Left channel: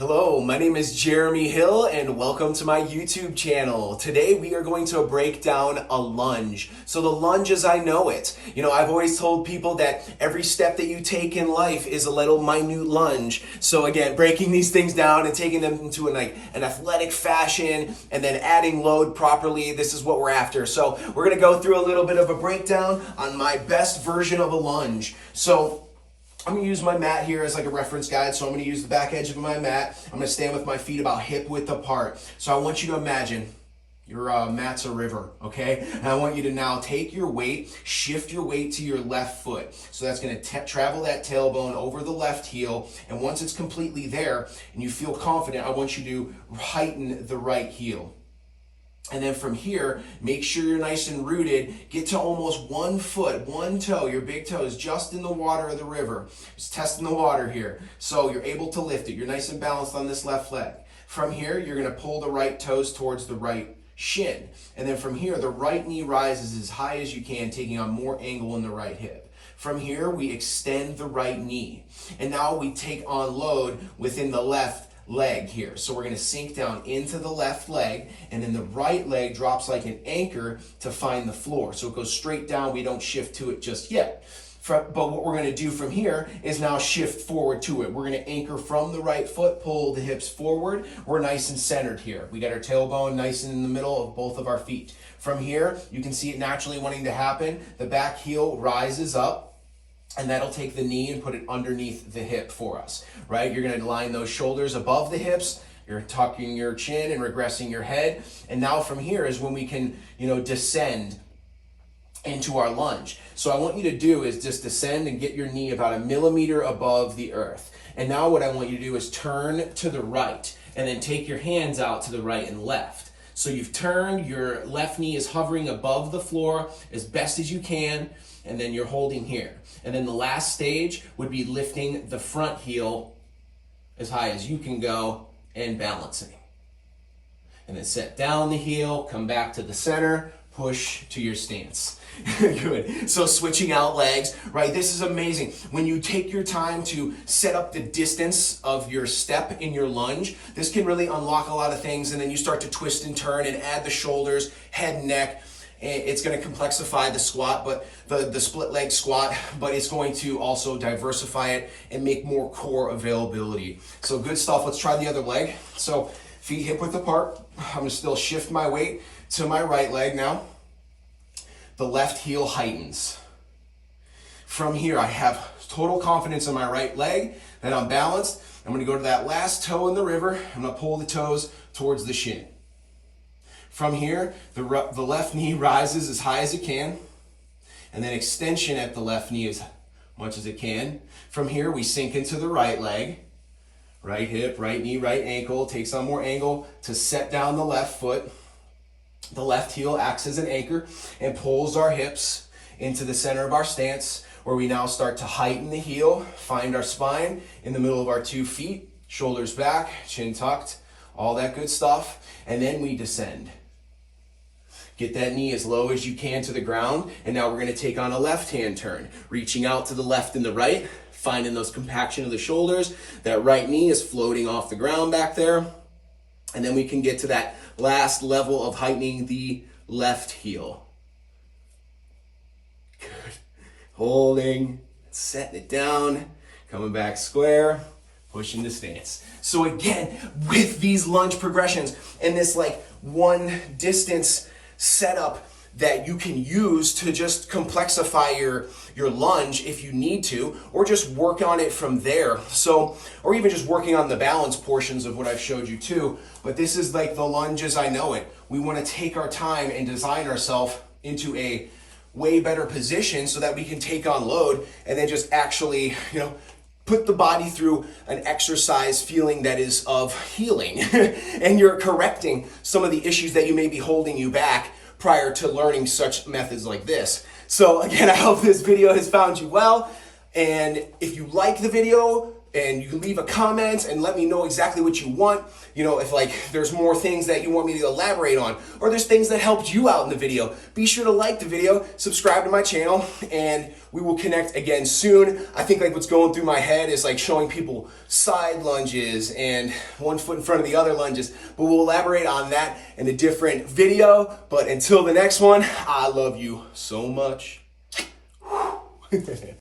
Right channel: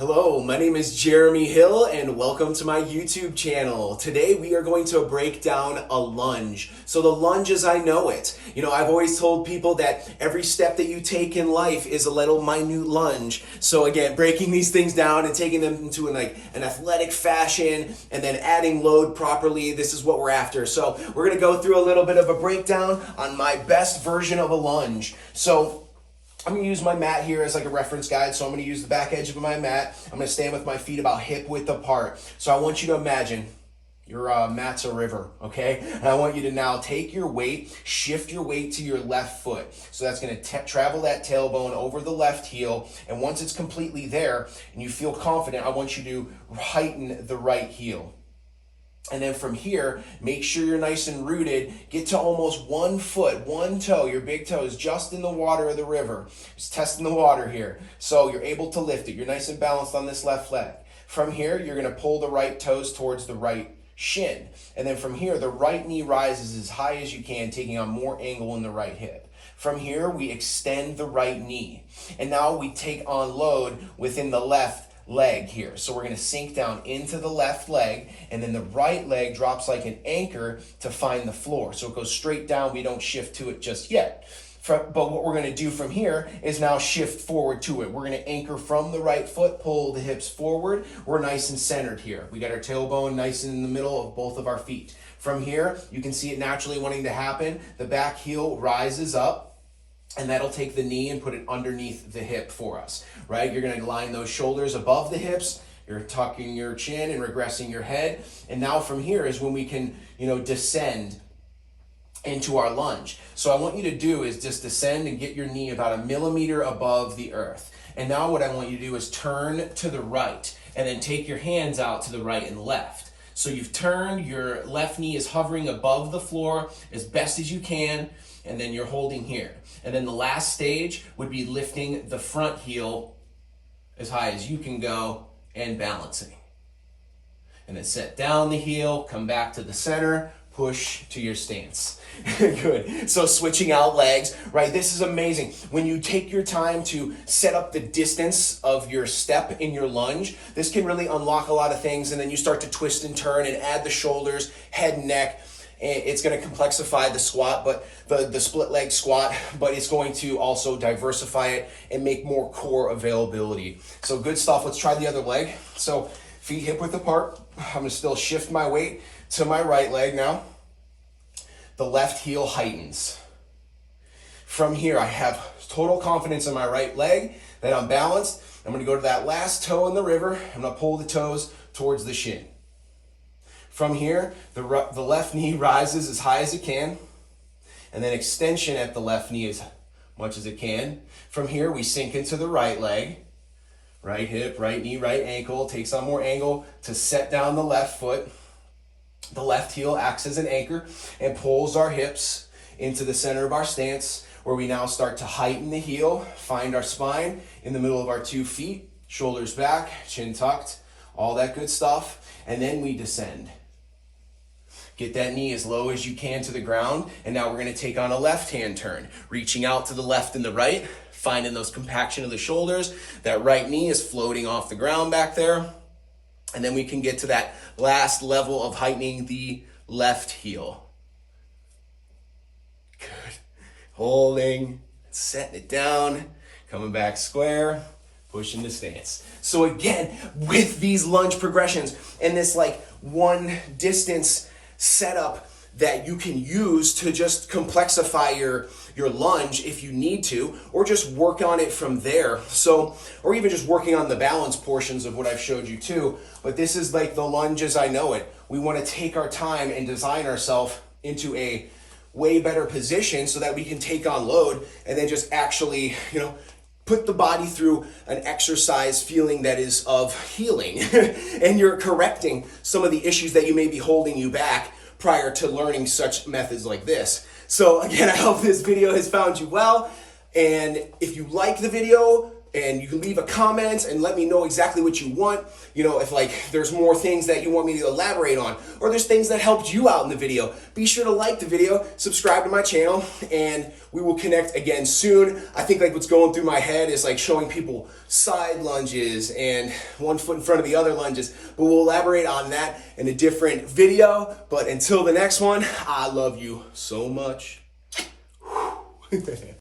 Hello, my name is Jeremy Hill and welcome to my YouTube channel. Today we are going to break down a lunge. So the lunge as I know it. I've always told people that every step that you take in life is a little minute lunge. So again, breaking these things down and taking them into an athletic fashion and then adding load properly, this is what we're after. So we're gonna go through a little bit of a breakdown on my best version of a lunge. So I'm going to use my mat here as like a reference guide. So I'm going to use the back edge of my mat. I'm going to stand with my feet about hip width apart. So I want you to imagine your mat's a river, okay? And I want you to now take your weight, shift your weight to your left foot. So that's going to travel that tailbone over the left heel. And once it's completely there and you feel confident, I want you to heighten the right heel. And then from here, make sure you're nice and rooted. Get to almost 1 foot, one toe. Your big toe is just in the water of the river. Just testing the water here. So you're able to lift it. You're nice and balanced on this left leg. From here, you're going to pull the right toes towards the right shin. And then from here, the right knee rises as high as you can, taking on more angle in the right hip. From here, we extend the right knee. And now we take on load within the left leg here. So we're going to sink down into the left leg, and then the right leg drops like an anchor to find the floor. So it goes straight down. We don't shift to it just yet. But what we're going to do from here is now shift forward to it. We're going to anchor from the right foot, pull the hips forward. We're nice and centered here. We got our tailbone nice in the middle of both of our feet. From here, you can see it naturally wanting to happen. The back heel rises up. And that'll take the knee and put it underneath the hip for us, right? You're gonna line those shoulders above the hips. You're tucking your chin and regressing your head. And now from here is when we can, descend into our lunge. So I want you to do is just descend and get your knee about 1 millimeter above the earth. And now what I want you to do is turn to the right and then take your hands out to the right and left. So you've turned, your left knee is hovering above the floor as best as you can, and then you're holding here. And then the last stage would be lifting the front heel as high as you can go and balancing. And then set down the heel, come back to the center, push to your stance. Good. So switching out legs, right? This is amazing. When you take your time to set up the distance of your step in your lunge, this can really unlock a lot of things. And then you start to twist and turn and add the shoulders, head and neck. It's going to complexify the squat, but the split leg squat, but it's going to also diversify it and make more core availability. So good stuff. Let's try the other leg. So feet hip width apart. I'm going to still shift my weight to my right leg now. The left heel heightens. From here, I have total confidence in my right leg that I'm balanced. I'm going to go to that last toe in the river. I'm going to pull the toes towards the shin. From here, the left knee rises as high as it can, and then extension at the left knee as much as it can. From here, we sink into the right leg, right hip, right knee, right ankle, takes on more angle to set down the left foot. The left heel acts as an anchor and pulls our hips into the center of our stance, where we now start to heighten the heel, find our spine in the middle of our 2 feet, shoulders back, chin tucked, all that good stuff, and then we descend. Get that knee as low as you can to the ground, and now we're going to take on a left-hand turn, reaching out to the left and the right, finding those compaction of the shoulders. That right knee is floating off the ground back there, and then we can get to that last level of heightening the left heel. Good. Holding, setting it down, coming back square, pushing the stance. So again, with these lunge progressions and this one distance setup that you can use to just complexify your lunge if you need to, or just work on it from there. So, or even just working on the balance portions of what I've showed you too. But this is like the lunge as I know it. We want to take our time and design ourselves into a way better position so that we can take on load and then just actually, put the body through an exercise feeling that is of healing and you're correcting some of the issues that you may be holding you back prior to learning such methods like this. So again, I hope this video has found you well. And if you like the video, and you can leave a comment and let me know exactly what you want. You know, if like there's more things that you want me to elaborate on, or there's things that helped you out in the video, be sure to like the video, subscribe to my channel, and we will connect again soon. I think like what's going through my head is like showing people side lunges and one foot in front of the other lunges, but we'll elaborate on that in a different video. But until the next one, I love you so much.